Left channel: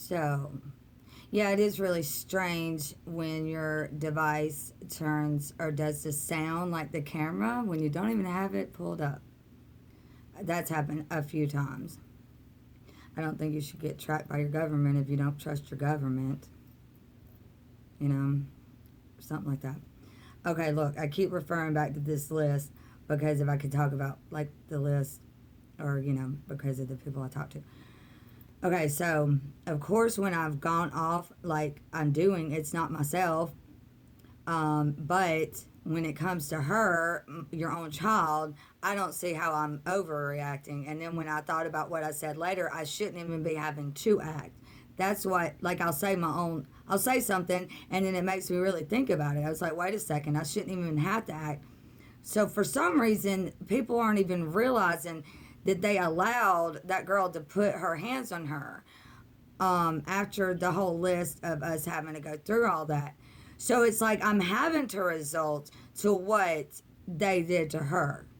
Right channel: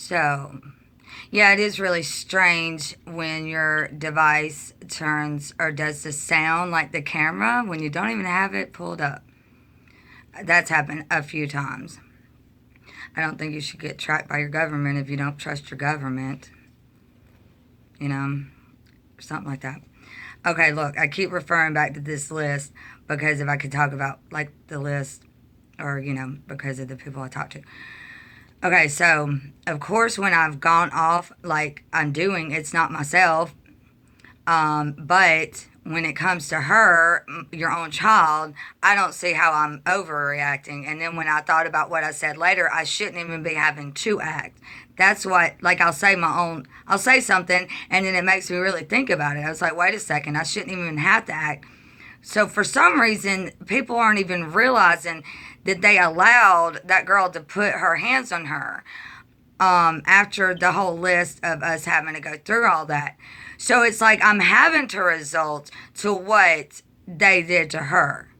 So, yeah, it is really strange when your device turns or does the sound like the camera when you don't even have it pulled up. That's happened a few times. I don't think you should get tracked by your government if you don't trust your government, you know, or something like that. Okay, look, I keep referring back to this list because if I could talk about like the list or, because of the people I talk to. Okay, so of course, when I've gone off like I'm doing, it's not myself. But when it comes to her, your own child, I don't see how I'm overreacting. And then when I thought about what I said later, I shouldn't even be having to act. That's what, like, I'll say something, and then it makes me really think about it. I was like, wait a second, I shouldn't even have to act. So for some reason, people aren't even realizing that they allowed that girl to put her hands on her after the whole list of us having to go through all that. So it's like I'm having to resort to what they did to her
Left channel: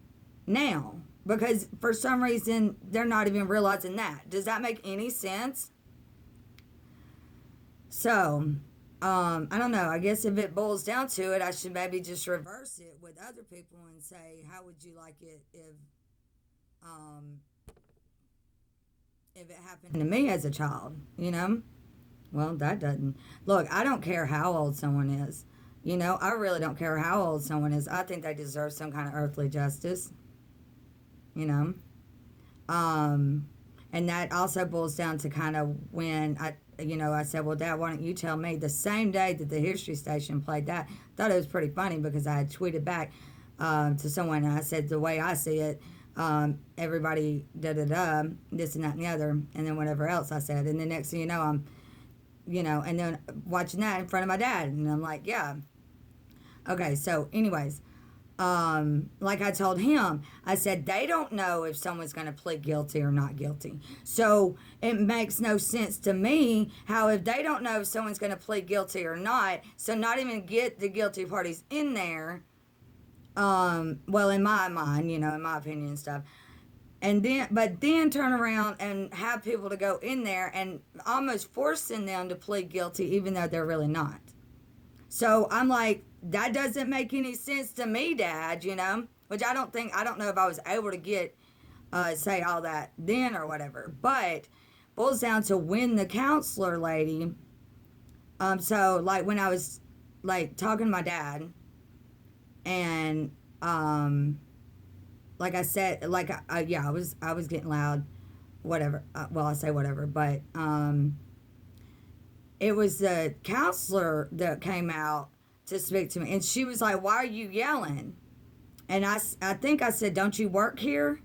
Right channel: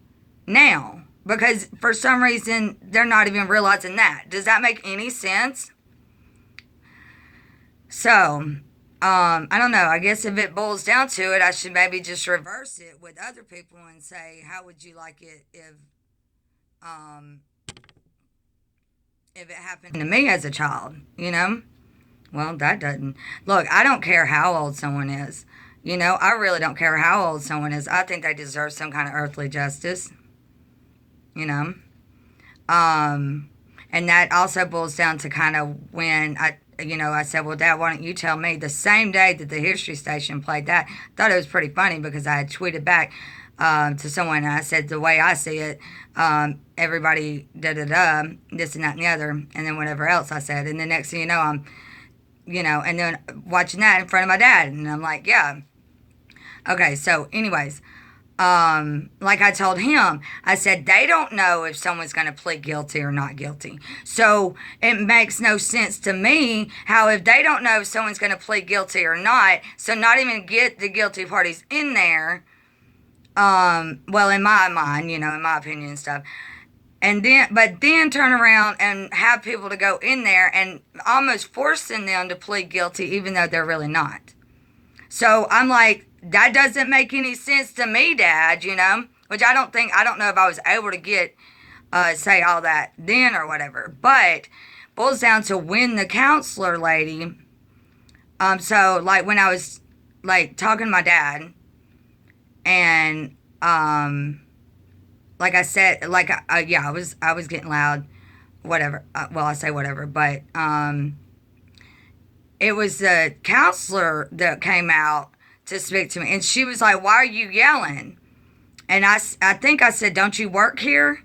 now because for some reason they're not even realizing that. Does that make any sense? So, I don't know. I guess if it boils down to it, I should maybe just reverse it with other people and say, how would you like it um, if it happened to me as a child? Well, that doesn't. Look, I don't care how old someone is. I really don't care how old someone is. I think they deserve some kind of earthly justice. You know? Um, and that also boils down to kind of when I said, well, Dad, why don't you tell me the same day that the History Station played that? I thought it was pretty funny because I had tweeted back to someone and I said, the way I see it, everybody da da da, this and that and the other, and then whatever else I said. And the next thing you know, and then watching that in front of my dad. And I'm like, yeah. Okay, so, anyways, like I told him, I said, they don't know if someone's going to plead guilty or not guilty. So it makes no sense to me how if they don't know if someone's going to plead guilty or not, so not even get the guilty parties in there, well, in my mind, in my opinion and stuff. But then turn around and have people to go in there and almost forcing them to plead guilty, even though they're really not. So I'm like, that doesn't make any sense to me, Dad, which I don't know if I was able to say all that then or whatever, but boils down to when the counselor lady, so like when I was like talking to my dad and, like I said, like, yeah, I was getting loud, whatever, well, I say whatever, but, it was the counselor that came out to speak to me. And she was like, why are you yelling? And I think I said, don't you work here?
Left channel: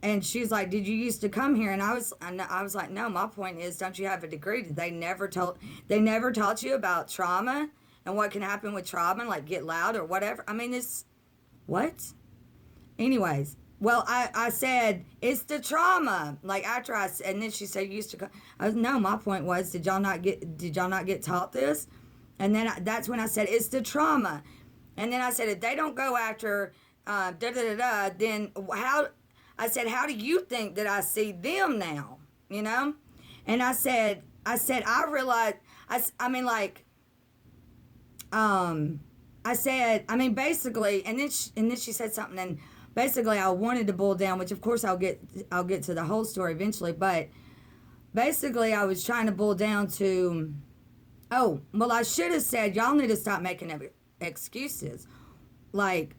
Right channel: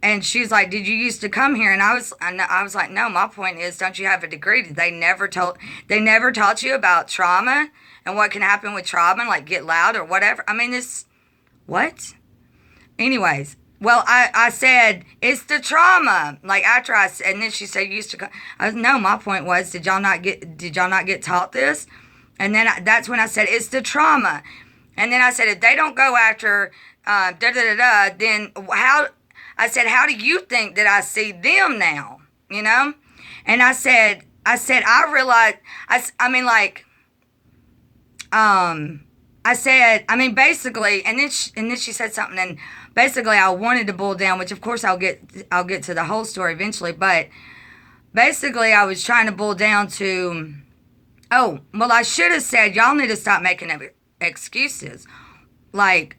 And she's like, did you used to come here? And I was like, no, my point is, don't you have a degree? They never taught you about trauma and what can happen with trauma and like get loud or whatever. I mean, what? Anyways, well, I said, it's the trauma. Like after and then she said, you used to come. No, my point was, did y'all not get taught this? And then that's when I said, it's the trauma. And then I said, if they don't go after then how do you think that I see them now? And I said, I realized, I said, basically, and then she said something, and basically I wanted to boil down, which of course I'll get to the whole story eventually, but basically I was trying to boil down to, oh, well, I should have said, y'all need to stop making excuses, like,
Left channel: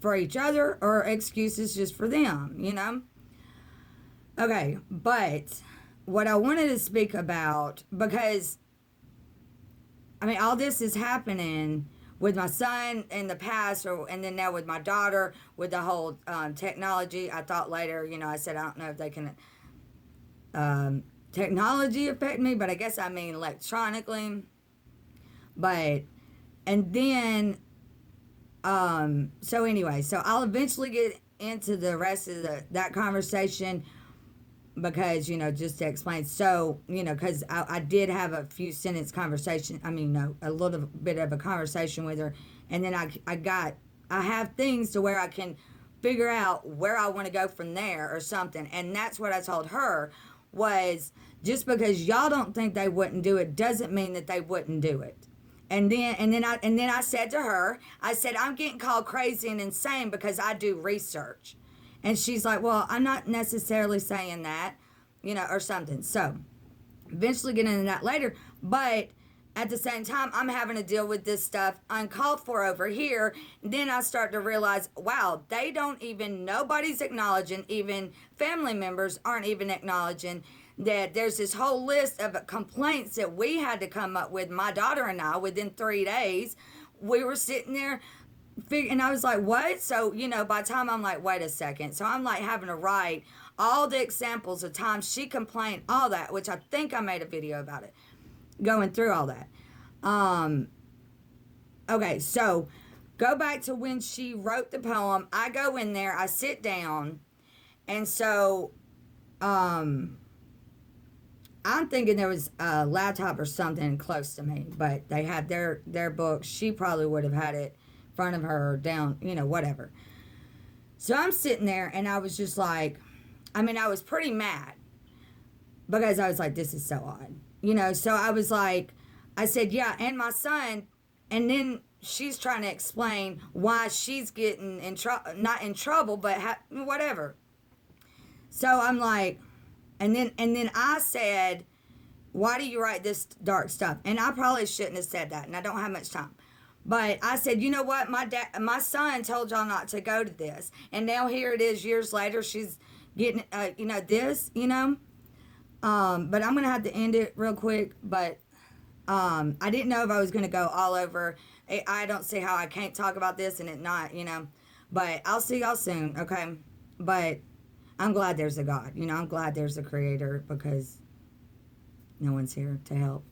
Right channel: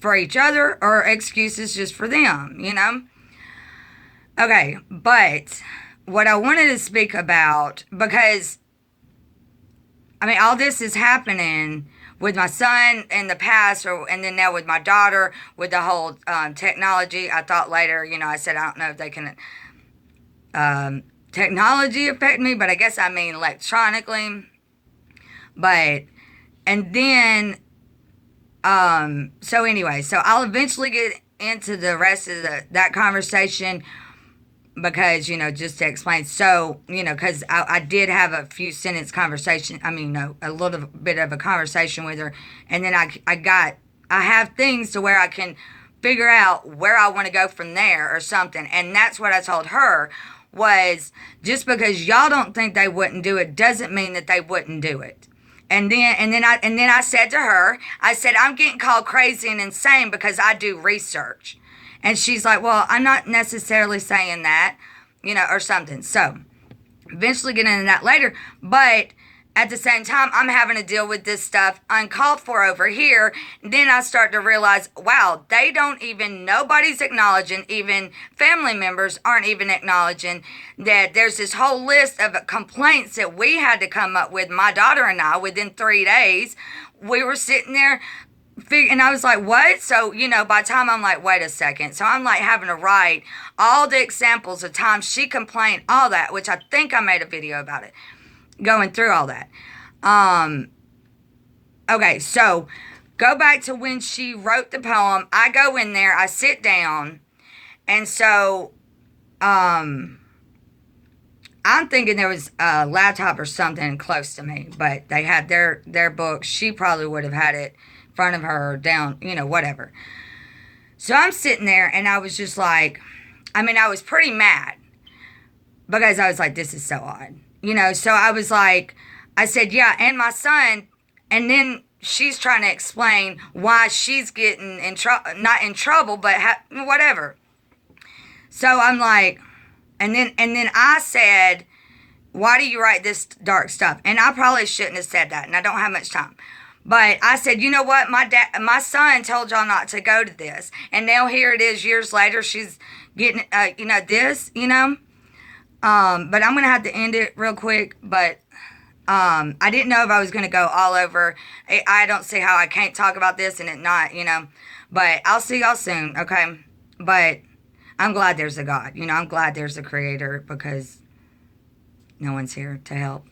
for each other or excuses just for them, Okay, but what I wanted to speak about, because, all this is happening with my son in the past, and then now with my daughter, with the whole technology. I thought later, I said, I don't know if they can technology affect me, but I guess I mean electronically. But, and then, so anyway, so I'll eventually get into the rest of that conversation because, just to explain. So, because I did have a few sentence conversation. A little bit of a conversation with her. And then I have things to where I can figure out where I want to go from there or something. And that's what I told her. was, just because y'all don't think they wouldn't do it doesn't mean that they wouldn't do it. And then I said to her, I said, I'm getting called crazy and insane because I do research. And she's like, well, I'm not necessarily saying that, or something. So eventually get into that later. But at the same time, I'm having to deal with this stuff uncalled for over here. Then I start to realize, wow, nobody's acknowledging, even family members aren't even acknowledging that there's this whole list of complaints that we had to come up with, my daughter and I, within 3 days. We were sitting there and I was like, what? So, by the time I'm like, wait a second. So I'm like having to write all the examples of times she complained, all that, which I think I made a video about it, going through all that. Okay, so go back to when she wrote the poem. I go in there, I sit down, and so I'm thinking there was a laptop or something close to me, but they had their books. She probably would have had it in front of her or down, whatever. So I'm sitting there, and I was just like, I was pretty mad because I was like, this is so odd. So I was like, I said, yeah, and my son, and then she's trying to explain why she's getting not in trouble, but whatever. So I'm like, and then I said, why do you write this dark stuff? And I probably shouldn't have said that, and I don't have much time. But I said, you know what, my son told y'all not to go to this, and now here it is years later, she's getting, this, but I'm going to have to end it real quick. But I didn't know if I was going to go all over. I don't see how I can't talk about this and it not, But I'll see y'all soon, okay? But I'm glad there's a God. I'm glad there's a creator because no one's here to help,